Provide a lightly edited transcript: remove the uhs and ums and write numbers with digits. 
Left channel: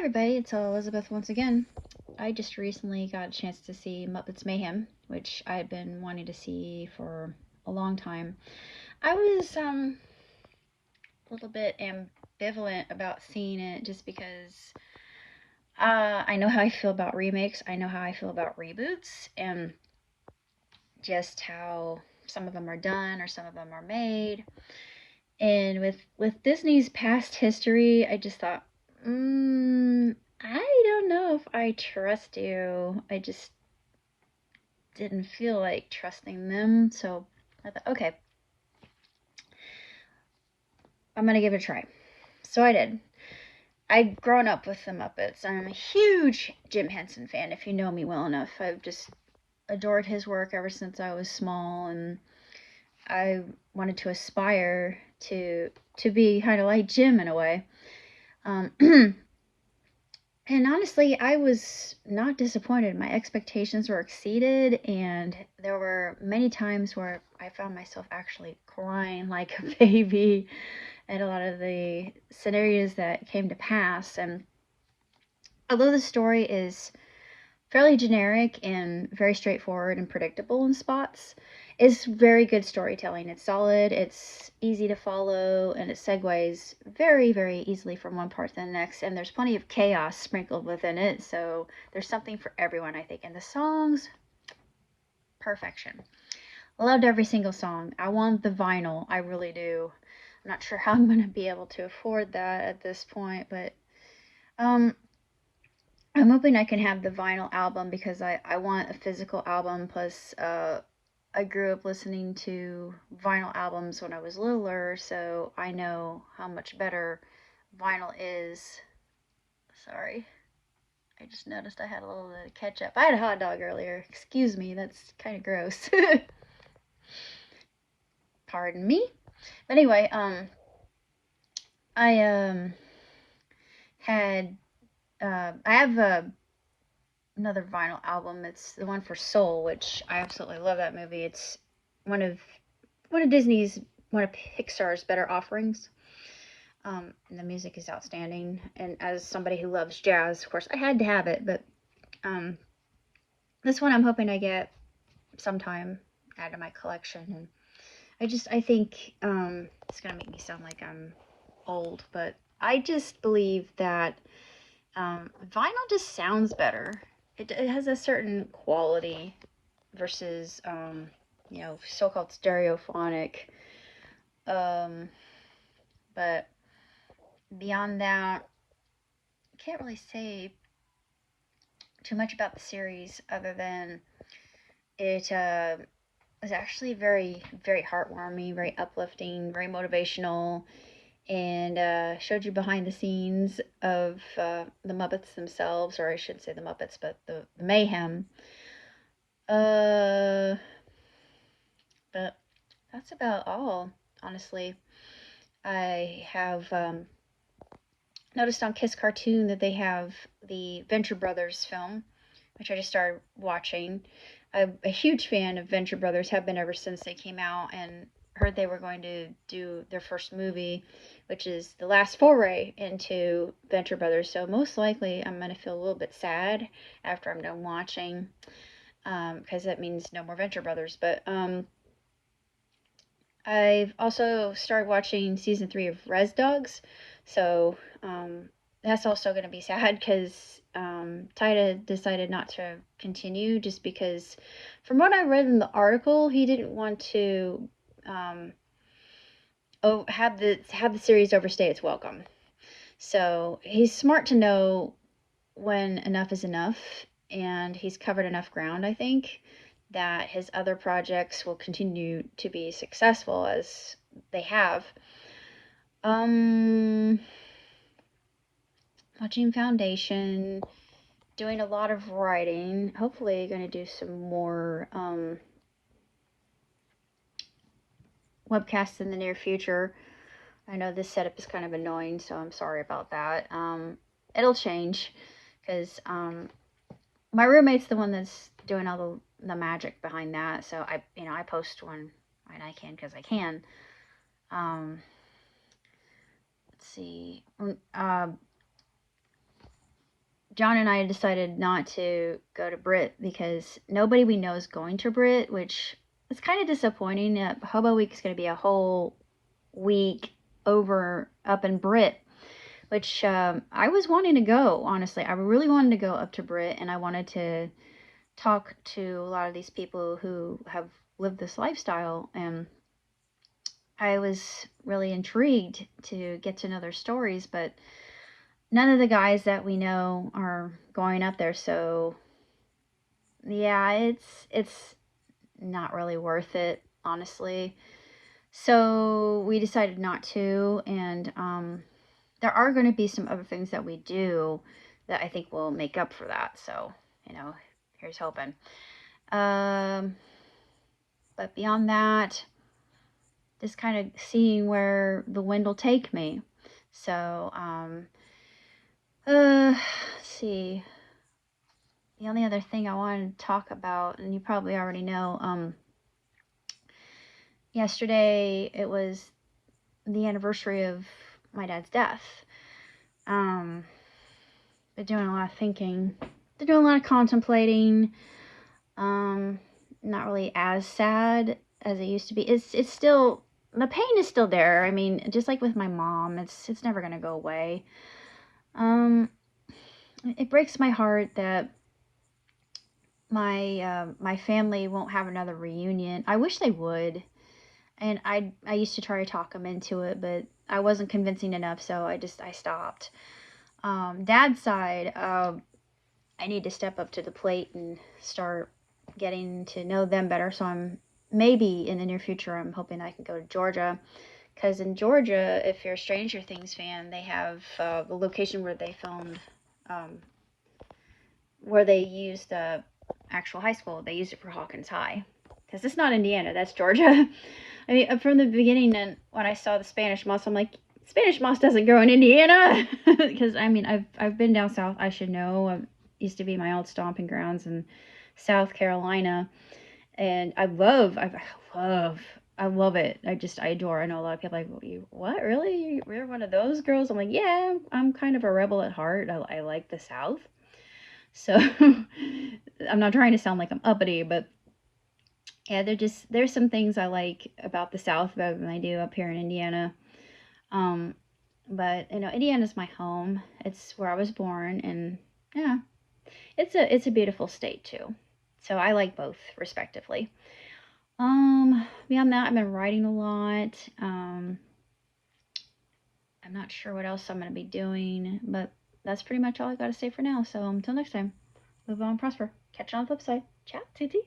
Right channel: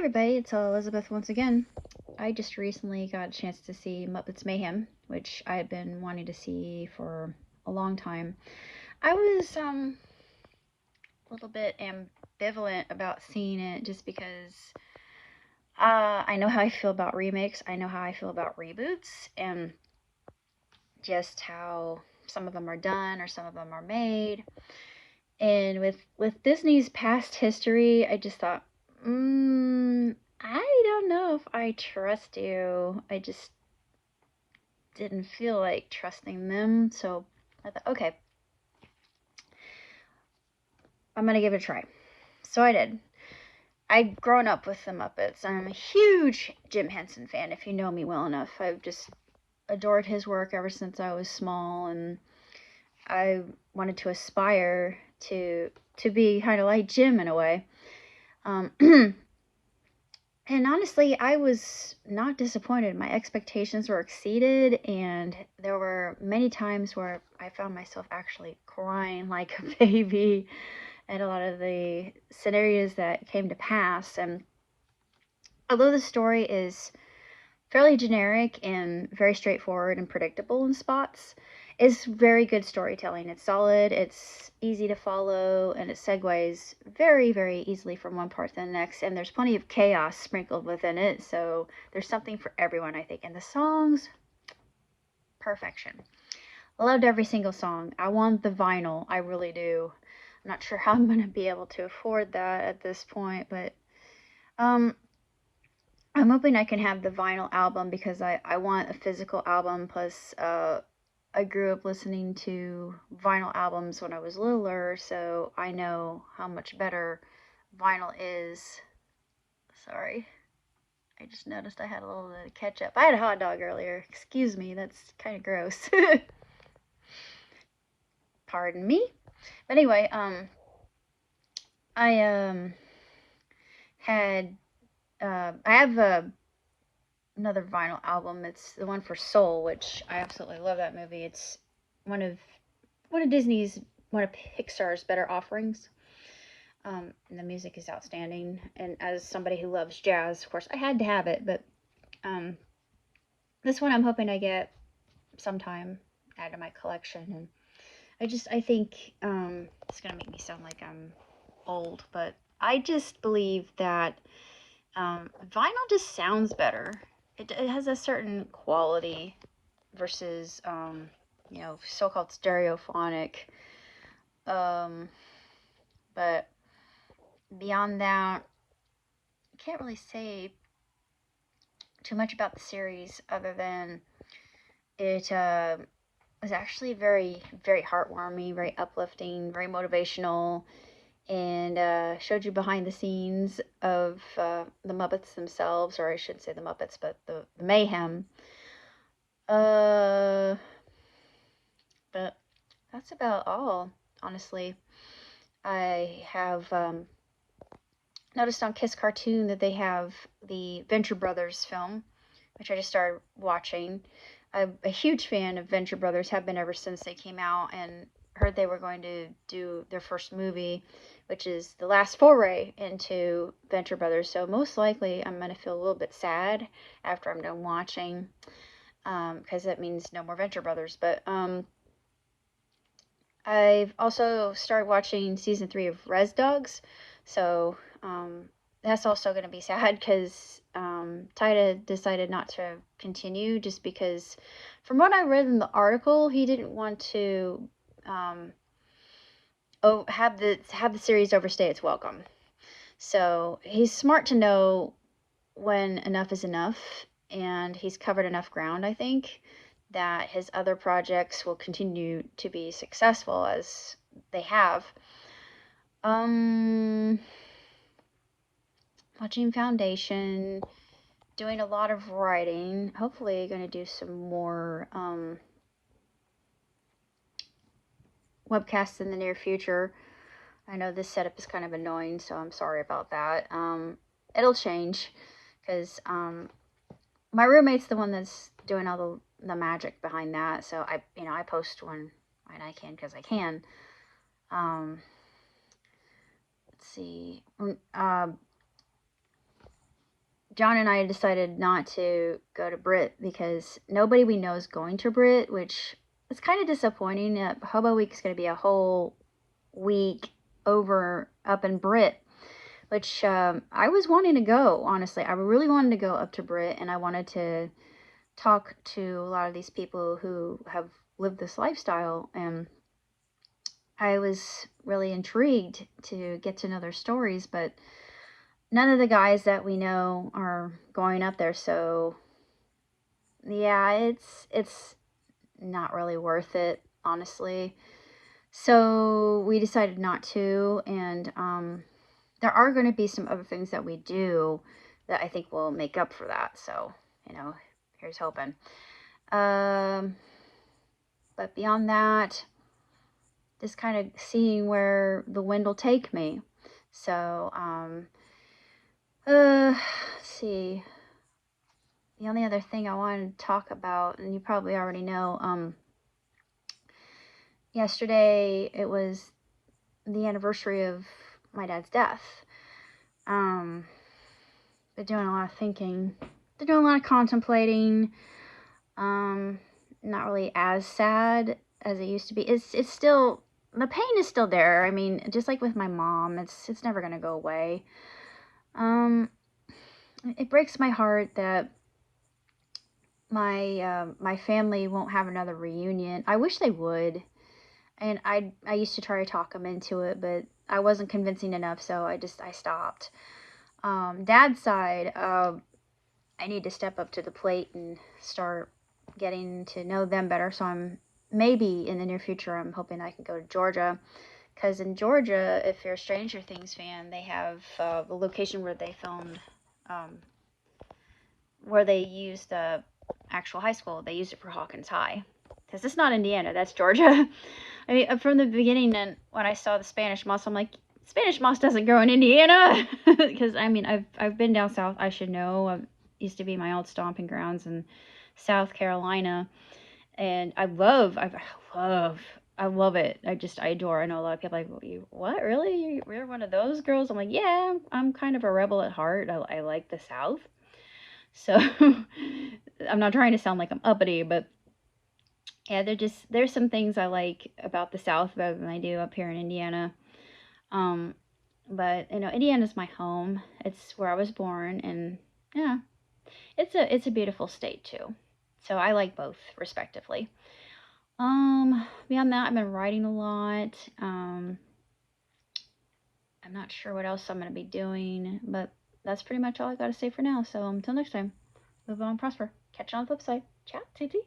Everybody, it's Elizabeth once again. I just recently got a chance to see Muppets Mayhem, which I've been wanting to see for a long time. I was a little bit ambivalent about seeing it just because I know how I feel about remakes, I know how I feel about reboots, and just how some of them are done or some of them are made. And with Disney's past history, I just thought, I don't know if I trust you. I just didn't feel like trusting them. So I thought, okay, I'm going to give it a try. So I did. I'd grown up with the Muppets. I'm a huge Jim Henson fan, if you know me well enough. I've just adored his work ever since I was small, and I wanted to aspire to be kind of like Jim in a way. And honestly, I was not disappointed. My expectations were exceeded, and there were many times where I found myself actually crying like a baby at a lot of the scenarios that came to pass. And although the story is fairly generic and very straightforward and predictable in spots, it's very good storytelling. It's solid, it's easy to follow, and it segues very, very easily from one part to the next. And there's plenty of chaos sprinkled within it, so there's something for everyone, I think. And the songs, perfection. I loved every single song. I want the vinyl, I really do. I'm not sure how I'm going to be able to afford that at this point, but I'm hoping I can have the vinyl album because I want a physical album. Plus, I grew up listening to vinyl albums when I was littler, so I know how much better vinyl is. Sorry. I just noticed I had a little bit of ketchup. I had a hot dog earlier. Excuse me, that's kind of gross. Pardon me. But anyway, I had I have another vinyl album. It's the one for Soul, which I absolutely love that movie. It's one of Disney's, one of Pixar's better offerings. And the music is outstanding. And as somebody who loves jazz, of course, I had to have it. But this one I'm hoping I get sometime, add to my collection. And I think it's gonna make me sound like I'm old, but I just believe that vinyl just sounds better. It has a certain quality versus so-called stereophonic. But beyond that, I can't really say too much about the series other than it was actually very, very heartwarming, very uplifting, very motivational, and showed you behind the scenes of the Muppets themselves, or I shouldn't say the Muppets, but the Mayhem. But that's about all, honestly. I have noticed on Kiss Cartoon that they have the Venture Brothers film, which I just started watching. I'm a huge fan of Venture Brothers, have been ever since they came out, and heard they were going to do their first movie, which is the last foray into Venture Brothers. So most likely I'm going to feel a little bit sad after I'm done watching, because that means no more Venture Brothers. But I've also started watching season 3 of Res Dogs, so that's also going to be sad because Taika decided not to continue just because, from what I read in the article, he didn't want to have the series overstay its welcome. So he's smart to know when enough is enough, and he's covered enough ground, I think, that his other projects will continue to be successful as they have. Watching Foundation, doing a lot of writing, hopefully going to do some more webcasts in the near future. I know this setup is kind of annoying, so I'm sorry about that. It'll change because my roommate's the one that's doing all the magic behind that, so I post when I can because I can. Let's see. John and I decided not to go to Brit because nobody we know is going to Brit, which is kind of disappointing. Hobo Week is going to be a whole week over up in Brit, which I was wanting to go, honestly. I really wanted to go up to Brit, and I wanted to talk to a lot of these people who have lived this lifestyle, and I was really intrigued to get to know their stories, but none of the guys that we know are going up there, so yeah, it's not really worth it, honestly. So we decided not to, and there are going to be some other things that we do that I think will make up for that. So, here's hoping. But beyond that, just kind of seeing where the wind will take me. So, let's see. The only other thing I wanted to talk about, and you probably already know, yesterday it was the anniversary of my dad's death. Been doing a lot of thinking, been doing a lot of contemplating. Not really as sad as it used to be. It's still, the pain is still there. I mean, just like with my mom, it's never gonna go away. It breaks my heart that my family won't have another reunion. I wish they would, and I used to try to talk them into it, but I wasn't convincing enough, so I stopped. Dad's side, I need to step up to the plate and start getting to know them better. So maybe in the near future, I'm hoping I can go to Georgia, because in Georgia, if you're a Stranger Things fan, they have the location where they filmed, where they used the actual high school. They used it for Hawkins High, because it's not Indiana, that's Georgia. I mean, from the beginning, and when I saw the Spanish moss, I'm like, Spanish moss doesn't grow in Indiana, because I mean, I've been down south. I should know. It used to be my old stomping grounds in South Carolina, and I love it. I adore. I know a lot of people are like, what, really? You're one of those girls? I'm like, yeah, I'm kind of a rebel at heart. I like the South, so I'm not trying to sound like I'm uppity, but yeah, there's some things I like about the South better than I do up here in Indiana. But Indiana's my home. It's where I was born, and yeah, it's a beautiful state too. So I like both respectively. Beyond that, I've been writing a lot. I'm not sure what else I'm gonna be doing, but that's pretty much all I gotta say for now. So until next time, move on, prosper. Catch you on the flip side. Ciao, Titi.